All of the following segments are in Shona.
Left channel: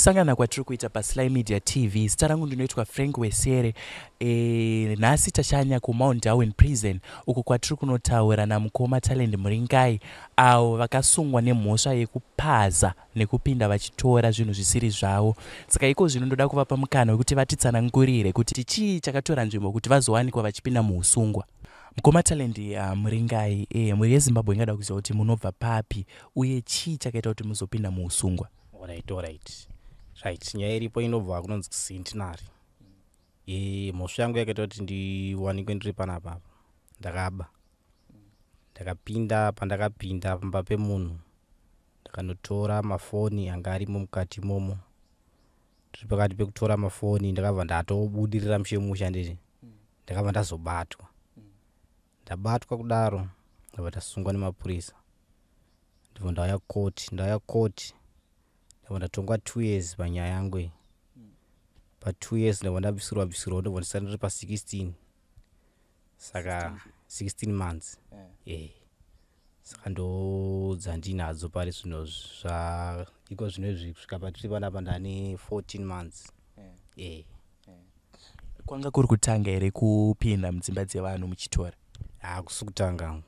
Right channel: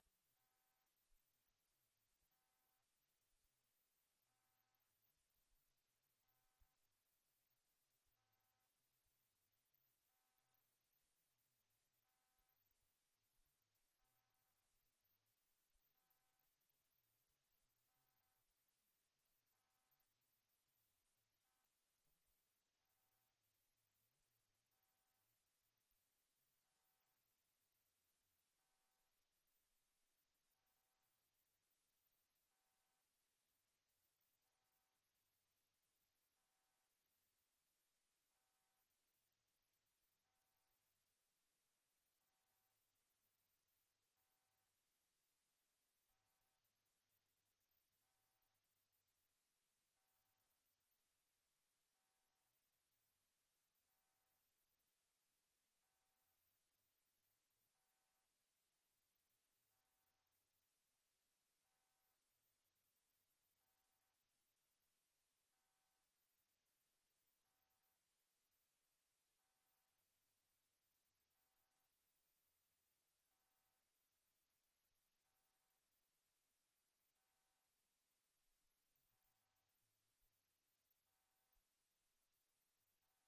kusangana kwatiri kuita paSly Media TV. Zita rangu ndinoitwa Frank Wesere. Nhasi tashanya kuMount Darwin Prison uko kwatiri kunotaura namukoma Talend Muringai avo vakasungwa nemhosva yekupaza nekupinda vachitora zvinhu zvisiri zvavo. Saka iko zvino ndoda kuvapa mukana wekuti vatitsanangurire kuti chii chakatora nzvimbo kuti vazowanikwa vachipinda muusungwa. Mukoma Talend Muringai, muri yeZimbabwe ingada kuziva kuti munobva papi uye chii chakaita kuti muzopinda muusungwa. Right. Nyaya iripo inobva kunonzi kuCentenary. Mhosva yangu yakaita kuti ndiwanikwe ndiri panapa. Ndakapinda pandakapinda pamba pemunhu. Ndakanotora mafoni anga arimo mukati momo. Tiri pakati pekutora mafoni ndakabva ndatobudirira mushemusha ndiri. Ndakabva ndazobatwa. Ndabatwa kudaro ndabva ndasungwa nemapurisa. Ndibva ndauya koti. Ndatongwa 2 years panyaya yangu iyi. Pa 2 years ndabva ndabvisirwa ndobva ndisati ndiri pa 16. Saka 16 months. Saka ndodza ndinadzo pari zvino iko zvino zvisvika patiri panapa ndane 14 months. Kwanga kuri kutanga here kupinda mudzimba dzevanhu muchitora? Kusi kutanga.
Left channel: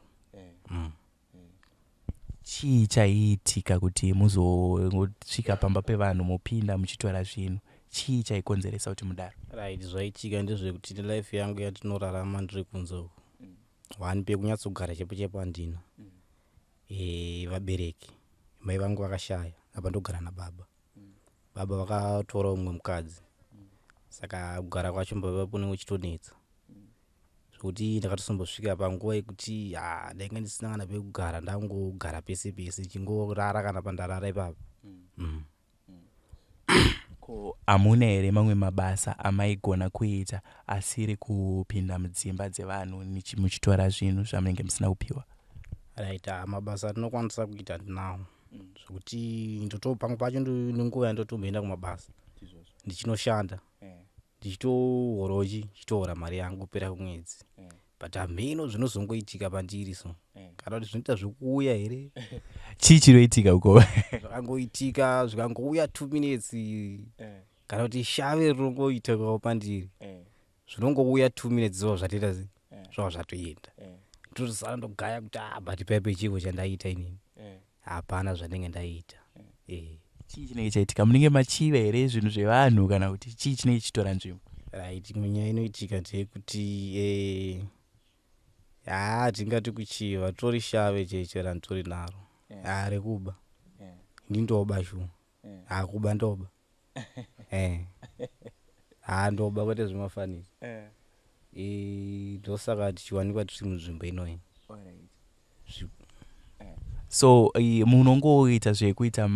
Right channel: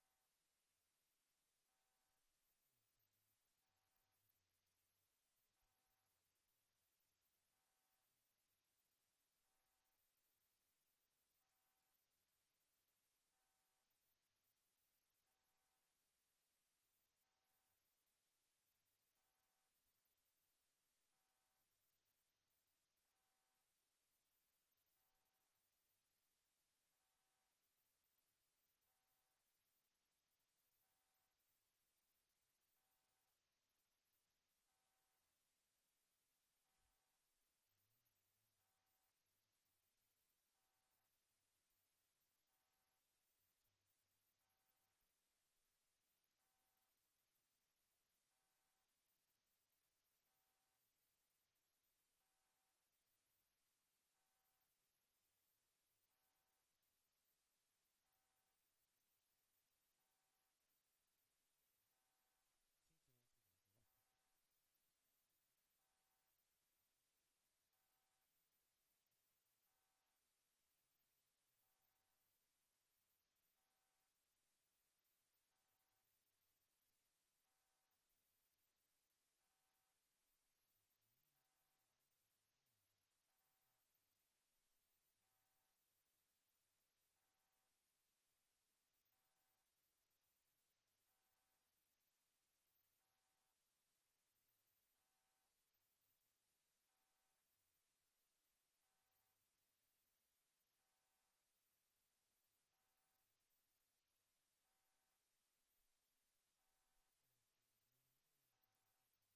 Chii chaiitika kuti muzosvika pamba pevanhu mupinda muchitora zvinhu? Chii chaikonzeresa kuti mudaro? Right, zvaiitika ndezvekuti life yangu yatinorarama ndiri kunze uku. Wani pekunyatsogara chepo handina. Vabereki mai vangu vakashaya apa ndogara nababa. Baba vakatora umwe mukadzi. Saka kugara kwacho mbaba kunenge kuchitonetsa. Kuti ndakatosombosvika panguva yekuti ndainge ndisina kana pekugara, ndangogara pese chingorara kana pandarara ipapo. Ko hamuna here mamwe mabasa amaigona kuita asiri kupinda mudzimba dzevanhu muchitora zvinhu zvamunenge musina kupiwa? Right, mabasa atinokwanisa kuita ndinawo. Zvokuti pamwe pacho nenguva yandotomboenda kumabasa ndichinoshanda. Ndichitohorochi chitohora mari yangu kupera kumwedzi. But hameno zvinozongoitika pandiri so. Kana kuti zvinoita zvekuuya here. Chii chinoitika uko? Zvakangoitika zvikangouya 2 minutes. Kana kuti shave rinongoitikawo pandiri. Zvinongouya 2 minutes zvava zvatoita zvava zvatoenda. Ndotosara ndogaya kuti but paipe chivo chandaita inini. Hapana zvandinenge ndaita. Chii chinenge chaitika? Munenge machiva here zvinhu zvevanhu kana kuti chii chinenge chichitora nzvimbo? Right, nyaya inoitika ndeyekuti tingati kuchiva tori shave chaicho randitori naro. Rekuba ndindoba shuwa. Kuba ndoba. Ndoba kwete Zvemafunnies. Ndosaka tichiwanikwa tiri munzvimbo inoyi. So munongoita zvekuita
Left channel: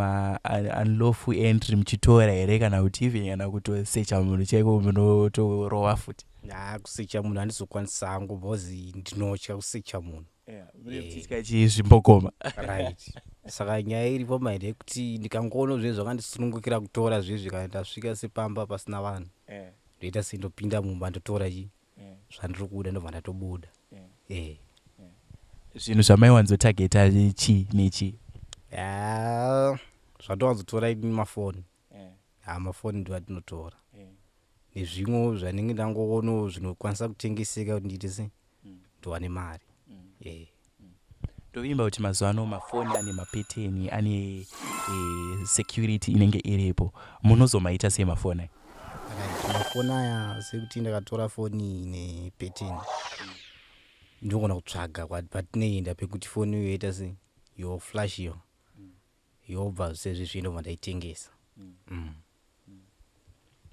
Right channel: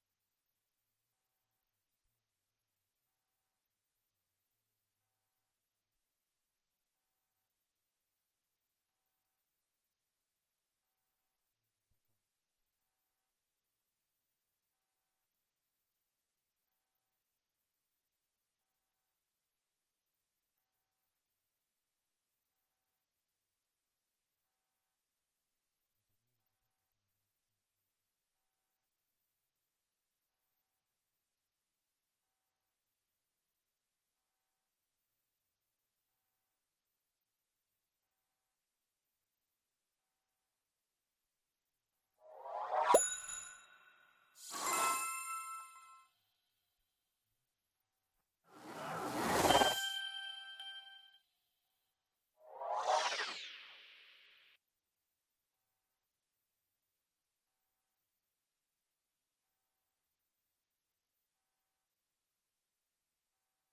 unlawful entry muchitora here kana kuti even kana kutosecha munhu chaiko munotorova futi? Kusecha munhu handizokwanisa hangu bhozi ndinotya kusecha munhu. Tityika chizvimbokoma. Right. Saka nyaya iripo maindi yekuti ndikangoona zvinhu zvakandisunungukira kutora zvezvi kana ndasvika sepamba pasina vanhu. Ndoita sendopinda mumba ndotora zvandiri kuda ndobva ndatobuda. Zvinhu zvamaiwanzotageta chii nechii? Zvatowanzotora ini mafoni. Mafoni ndo atinotora. Nezvimwe zvanenge ndangoona zvinokwanisa kutengeseka kuti ndiite sei ndowane mari. Ndovimba kuti mazuva ano mafoni ane mapeteni, ane security inenge iripo. Munozomaita sei mafoni aya? Mafoni aya sekuti ndakatora foni nepeteni. Ndogona kutsvaga patinoenda pekuti foni iyo yoita sei yoflash iyo yobva sezvizvi ndobva ndaitengesa.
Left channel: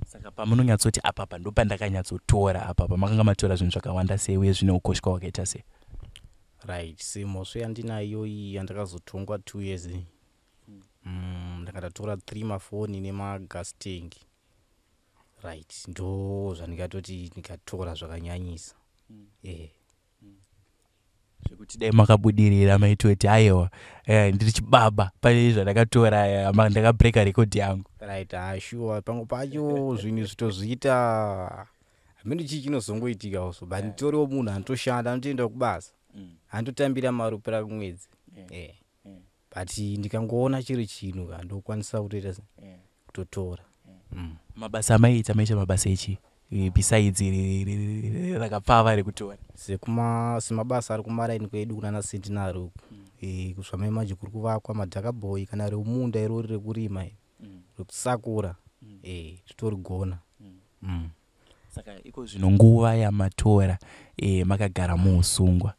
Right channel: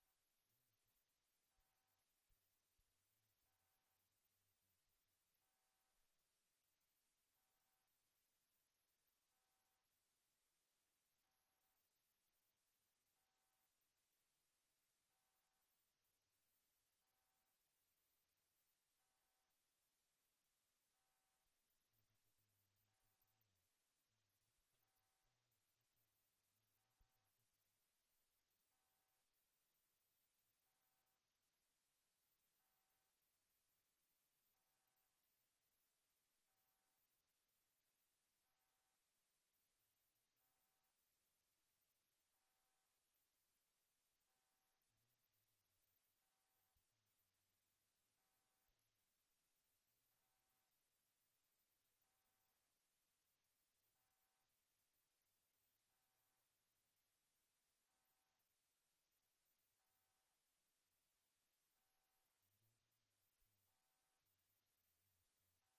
Saka pamunonyatsoti apa ndopandakanyatsotora apa makanga matora zvinhu zvakawanda sei uye zvine ukosha hwakaita sei? Right, semhosva yandinayo iyi yandakazotongwa 2 years. Ndakatatora 3 mafoni nemagas tank. Right, ndo zvandikatoti ndikatora zvakanyanyisa. Zvekuti dai makabudirira maitoti aiwa ndiri chibaba pane zvandakatora ndakabreka record yangu. Right, sure. Pamwe pacho zvinhu zvitozviita hameno chii chinozongoitika also. But nditoriwo munhu anotoshanda anotoenda kubasa. Andotambira mari kupera kumwedzi. But ndikangoona chiri chinhu ndokwanisa kutoita kutotora. Mabasa maita maisha mabasa echi besides rakapfava rekutora semabasa ari kumaraini kwedu kunana Centenary kuzvamai kuri kuvakwa madhakabhoyi kana reumunda irori rekurima rekusakura titorigona. Saka iko zvino nguva yamatora makagara muusungwa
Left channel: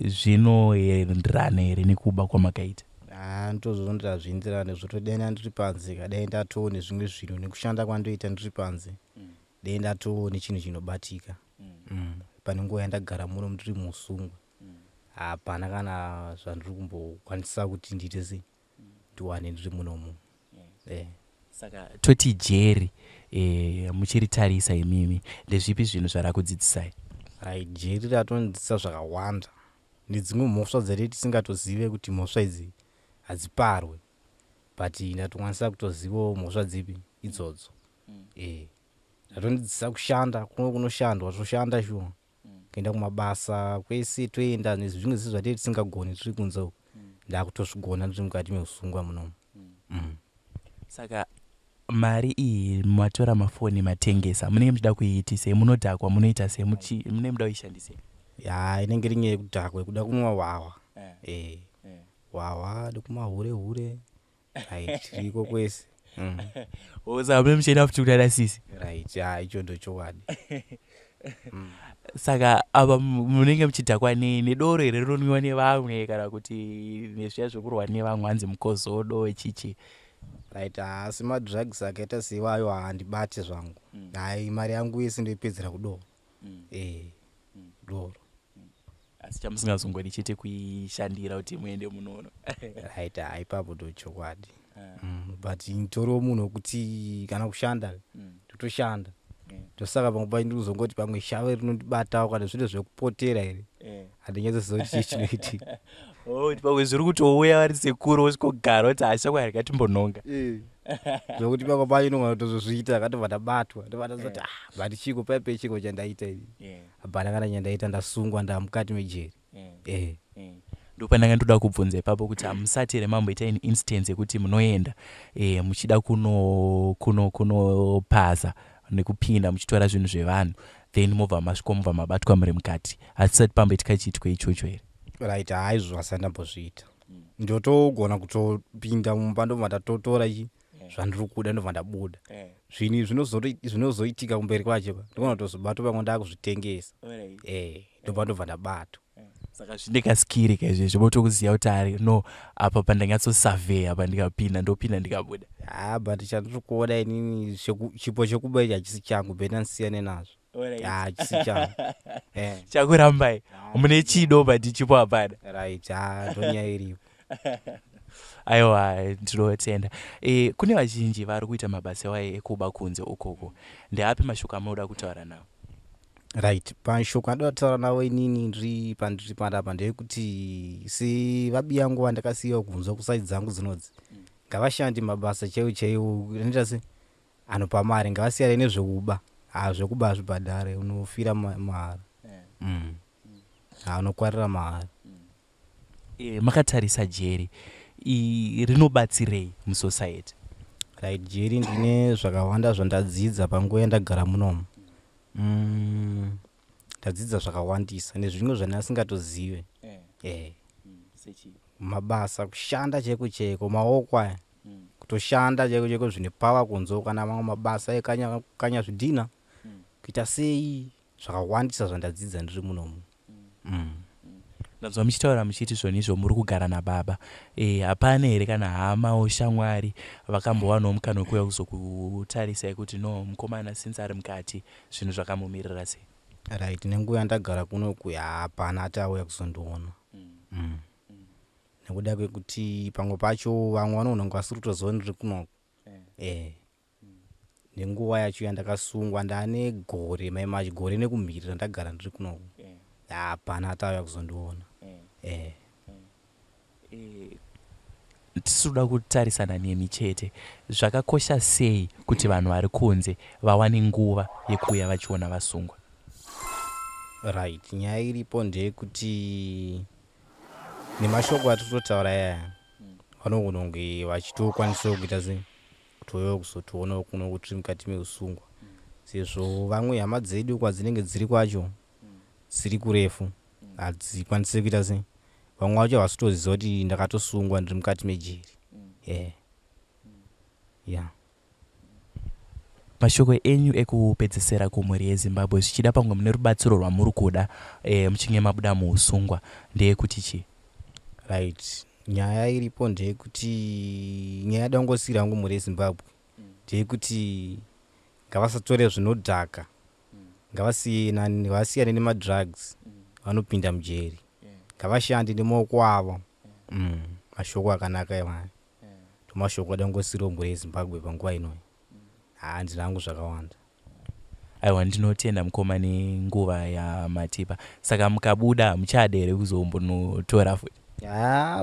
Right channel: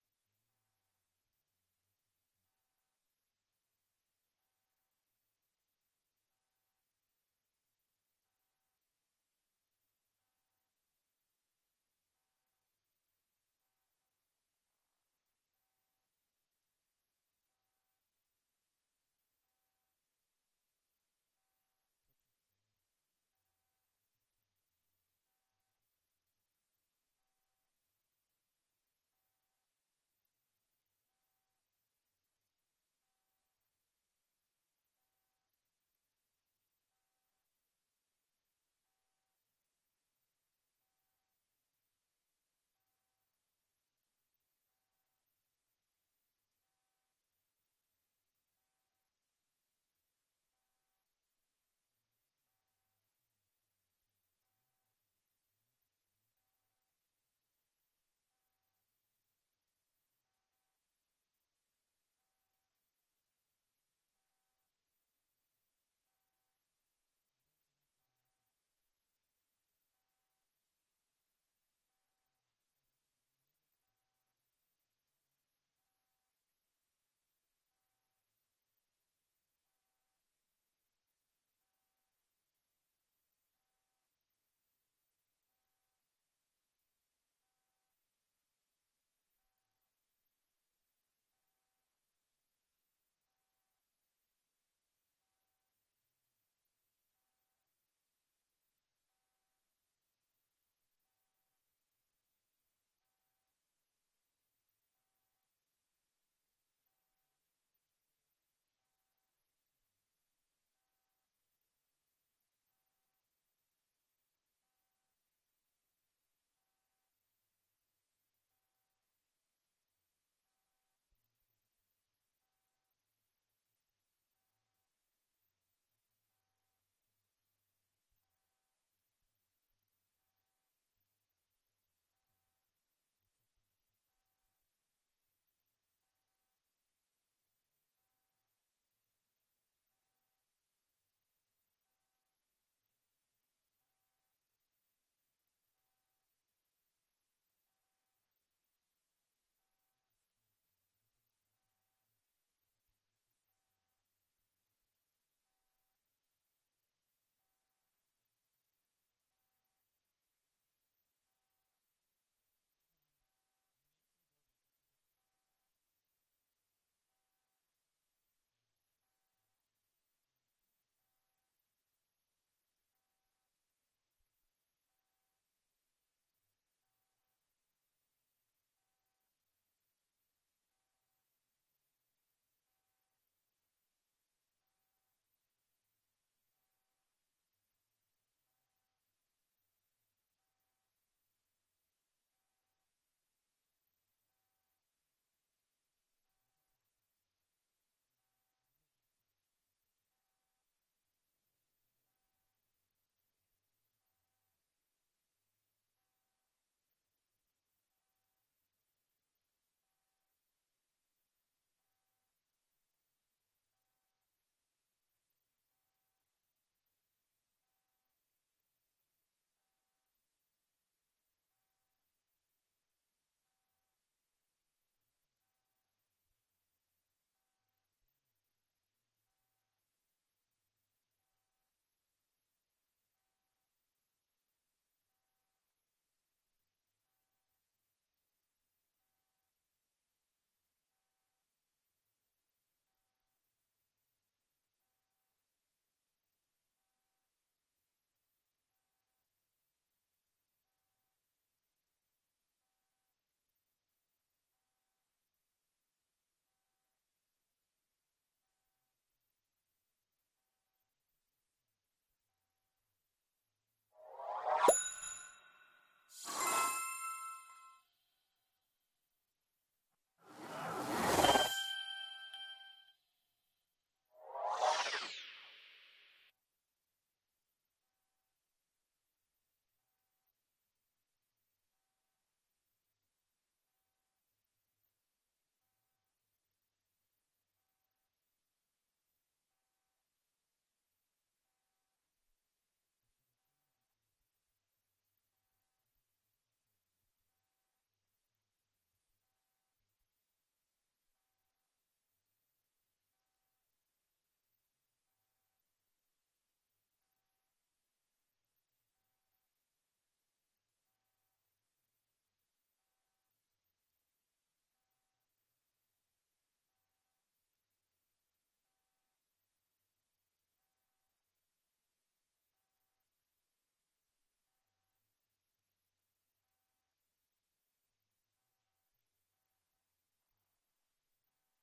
zvinoenderana here nekuba kwamakaita? Ndozvondira zvienderane zvotodai ndiri panze kadai ndatoo nezvimwe zvinhu nekushanda kwandoita ndiri panze dai ndatoo nechinhu chinobatika pane nguva yandagara muno ndiri muusungwa hapana kana zvandiri kumbokwanisa kuti ndiite sei ndiwane ndiri munomu. Saka toti jeri muchiritarisa imimi ndezvipi zvinhu zvarakudzidzisai? Jeri ratondidzisa zvakawanda nedzimwe mhosva dzati tisingatozive kuti mhosva idzi hadziparwe but ndatokwanisa kutozivawo mhosva dzipi idzodzo. Zvatondidzisa kushanda kunoshandwa toshanda shuwa kuenda kumabasa kwese toenda nezvimwe zvinhu zvatei tisingagoni tiri kunze uko ndakutozvigona ndiri mukati meusungwa munomu. Saka mari iyi matora mafoni matengesa munenge muchida kuiitise munodhakwa munoita se munenge muda kuishandise? Inenge iri nyaya yekudhakwa kuda kunwa hwahwa hwahwa nekumahore tiriko kwese saka mune muchienda futi kudada sisi icho ndochokwadi. Saka apa munenge muchidhakwa nedoro here rinonwiwa nevamwe kana kuti nezviya zvekurwa nevamwe hanzi mukozodo echichi? Asi madrugs akaita seiwayo handibate zvangu mari yangu yese ndoipedzera kudoro doro. Asi chamusingazongodi chete kuishandira kuti muende munono ipapo ndochokwadi. But nditoriwo munhu wekuti kana kushanda totoshanda tosaka pamwe pacho ndiri kuzongoti pamwe shave rinondibatawo kana zviro zvekupotera here handinyatsosiziva kuti chii chinoitika pamwe zviri kutouya vari sekuru wosvikogara kuti hashakwari katimbonhonga zvokuti pamwe pacho inogona kutozozviita akatobva ndabatwa ndovatazoti but chiko paipe chiko chandaita ivi hapana kana chandaita ndasungwa ndamukati mejeri. Ndopandanga ndoda kubvunza ipapo kuti hamusati here mamboita instance yekuti munoenda muchida kunopaza nekupinda muchitora zvinhu zvevanhu then mobva masviko mobva mabatwa muri mukati hasisati pamboitika chiitiko ichocho here? Haizvo hasati ndambozviita ndotogona kutopinda mumba ndobva ndatotora zvandiri kuda ndobva ndabuda zvinozoitika kumberi kwacho ndogona kutozobatwa pamwe ndakuzvitengesa ndobva ndabatwa. Saka zvindikaskiri kaizvezvo motokuziva kuti ari no apa pandanyatsosurveya pandikapinda ndopinda ndikabuda. But chandiri kuona inini chipo chekuba ichi hachisi changu bhena ndisiyane nazvo hachisi changu chakurambai mune chido but chipo hapana ndonyaya iripo. Aiwa ndinotenda. Kune vazhinji vari kuita mabasa waye ekuba kunze ukoko ndeapi mashoko amunoda kutaura nawo? Pashoko andoda kutaura nawo inini ndiri pandiri panapa ndeyekuti sevabi yangu vandakasiyiwa kunzwa kusaidzi dzangu dzinodzi ngavashandi mabasa chaiwo anoita se anopa mari ngavasiyane nezvekuba zvekuba hazvibhadhare unofira mahara unokwarira mahara. Makatarisa jeri rinobatsirei musociety? Jeri ndine zvakawanda zvandadzidza panguva yandagara munomu. Ndadzidza zvakawandisa nezvimwe zvandasingatozive mabasa kushanda chaiko chaiko maoko aya kutoshanda chaiko chaiko zvine pava kunzo kana mamwe mabasa ekanya zvidhina kuita sei zvakawandisa zvandadzidza ndiri munomu. Ndanzwa muchitaura muchiti zvonizvo muri kugara nababa hapana here kana hama oshamwari vakambowanawo mukana wekuuya kuzokutarisai kuti no mukomana since ari mukati zvinhu zvakamumirira sei? Nenguva yandagara kunoku hapana ati auya kuzondiona nekuda kwekuti pamwe pacho vamwe vanononga vasiri kutoziva ndiri kunoku nenguva yacho yandakasungwa ndaane gore maimachi gore nekumhirira ndagara ndiri kunoku hapana ati auya kuzondiona. Tisikuda kutarisana nemi chete zvakakosha sei kuti vanhu vari kunze vawane nguva yekuuya vachiona vasungwa? Nyaya iripo ndeyekuti nemashoko atitotaura yaya vanogona kunge vachitokwanisa kuita sei kutoyo kuzotoona kuno kuti mukati meusungwa sezvo vamwe hama dzedu kwadzinenge dziri kwacho dziri kurefu hadzikwanisi kuita sei vamwe vacho havasitoziva kuti ndakatosungwa ndiri mukati mejeri mashoko enyu ekupedzesera kumhuri yezimbabwe zvichida pamwe mune rubatsiro rwamuri kuda muchinge mabuda muusungwa ndeyekuti chi right nyaya iripo ndeyekuti nyaya dangosiri yangu mhuri yezimbabwe ndeyekuti ngavasatore zvinodhaka ngavasiyane nemadrugs vanopinda mujeri ngavashande nemaoko avo mashoko akanaka emwana tomashoko dangosiri mhuri yezimbabwe panguva inoyi handina hangu zvakawanda aiwa ndinotenda mukoma nenguva yamatipa saka mukabuda muchada here kuzombonotora futi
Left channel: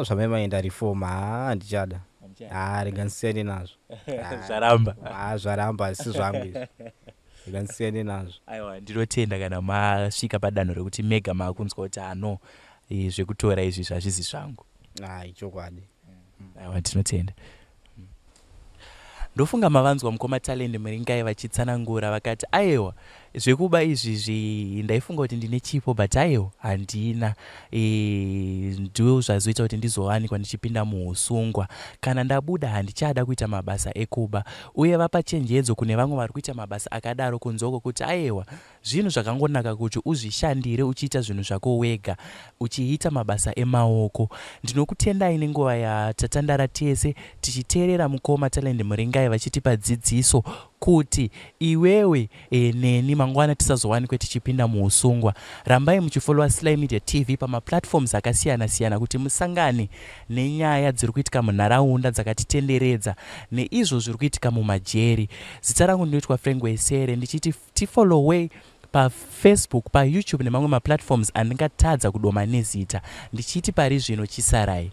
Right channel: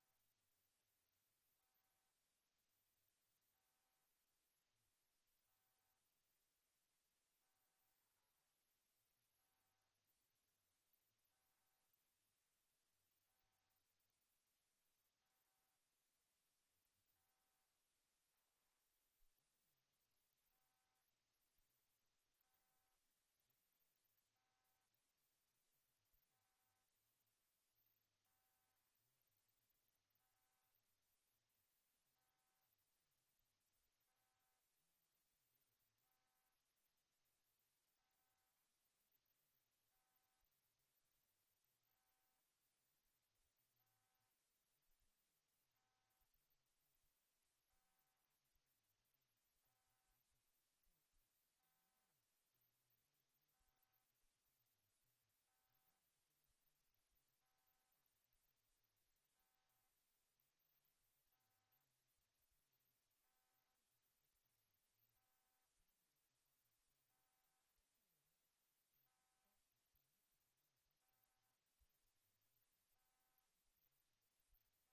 zvamaimaenda reform handichada ringanisiyane nazvo zvaramba asi zvangu izvi ringanisiyane nazvo aiwa ndinotenda kana masvika padanho rekuti mega maakunzwa kuti ano zvekutora izvi zvazvizi zvangu ichokwadi aiwa ndinotenda ndofunga mavanzwa mukoma talende muringai vachitsanangura vakati aiwa zvekuba izvizvi ndaifunga kuti ndine chipo but aiwa handina ndo zvazoita kuti ndizowanikwa ndichipinda muusungwa kana ndabuda handichada kuita mabasa ekuba uye vapa chenjedzo kune vamwe vari kuita mabasa akadaro kunzoko kuti aiwa zvinhu zvakangonaka kuti uzvishandire uchiita zvinhu zvako wega uchiita mabasa emaoko ndinokutendai nenguva yatatandara tese tichiteerera mukoma talende muringai vachitipa dzidziso kuti iwewe neni mangwana tisazowanikwe tichipinda muusungwa. Rambai muchifollowa Sly Media TV pamaplatforms akasiyana-siyana kuti musangane nenyaya dziri kuitika munharaunda dzakatitenderedza neizvo zviri kuitika mumajeri. Zita rangu ndinoitwa Frengwesere ndichiti tifollowei paFacebook, paYouTube nemamwe maplatforms andingatadza kudoma nezita. Ndichiti pari zvino chisarai.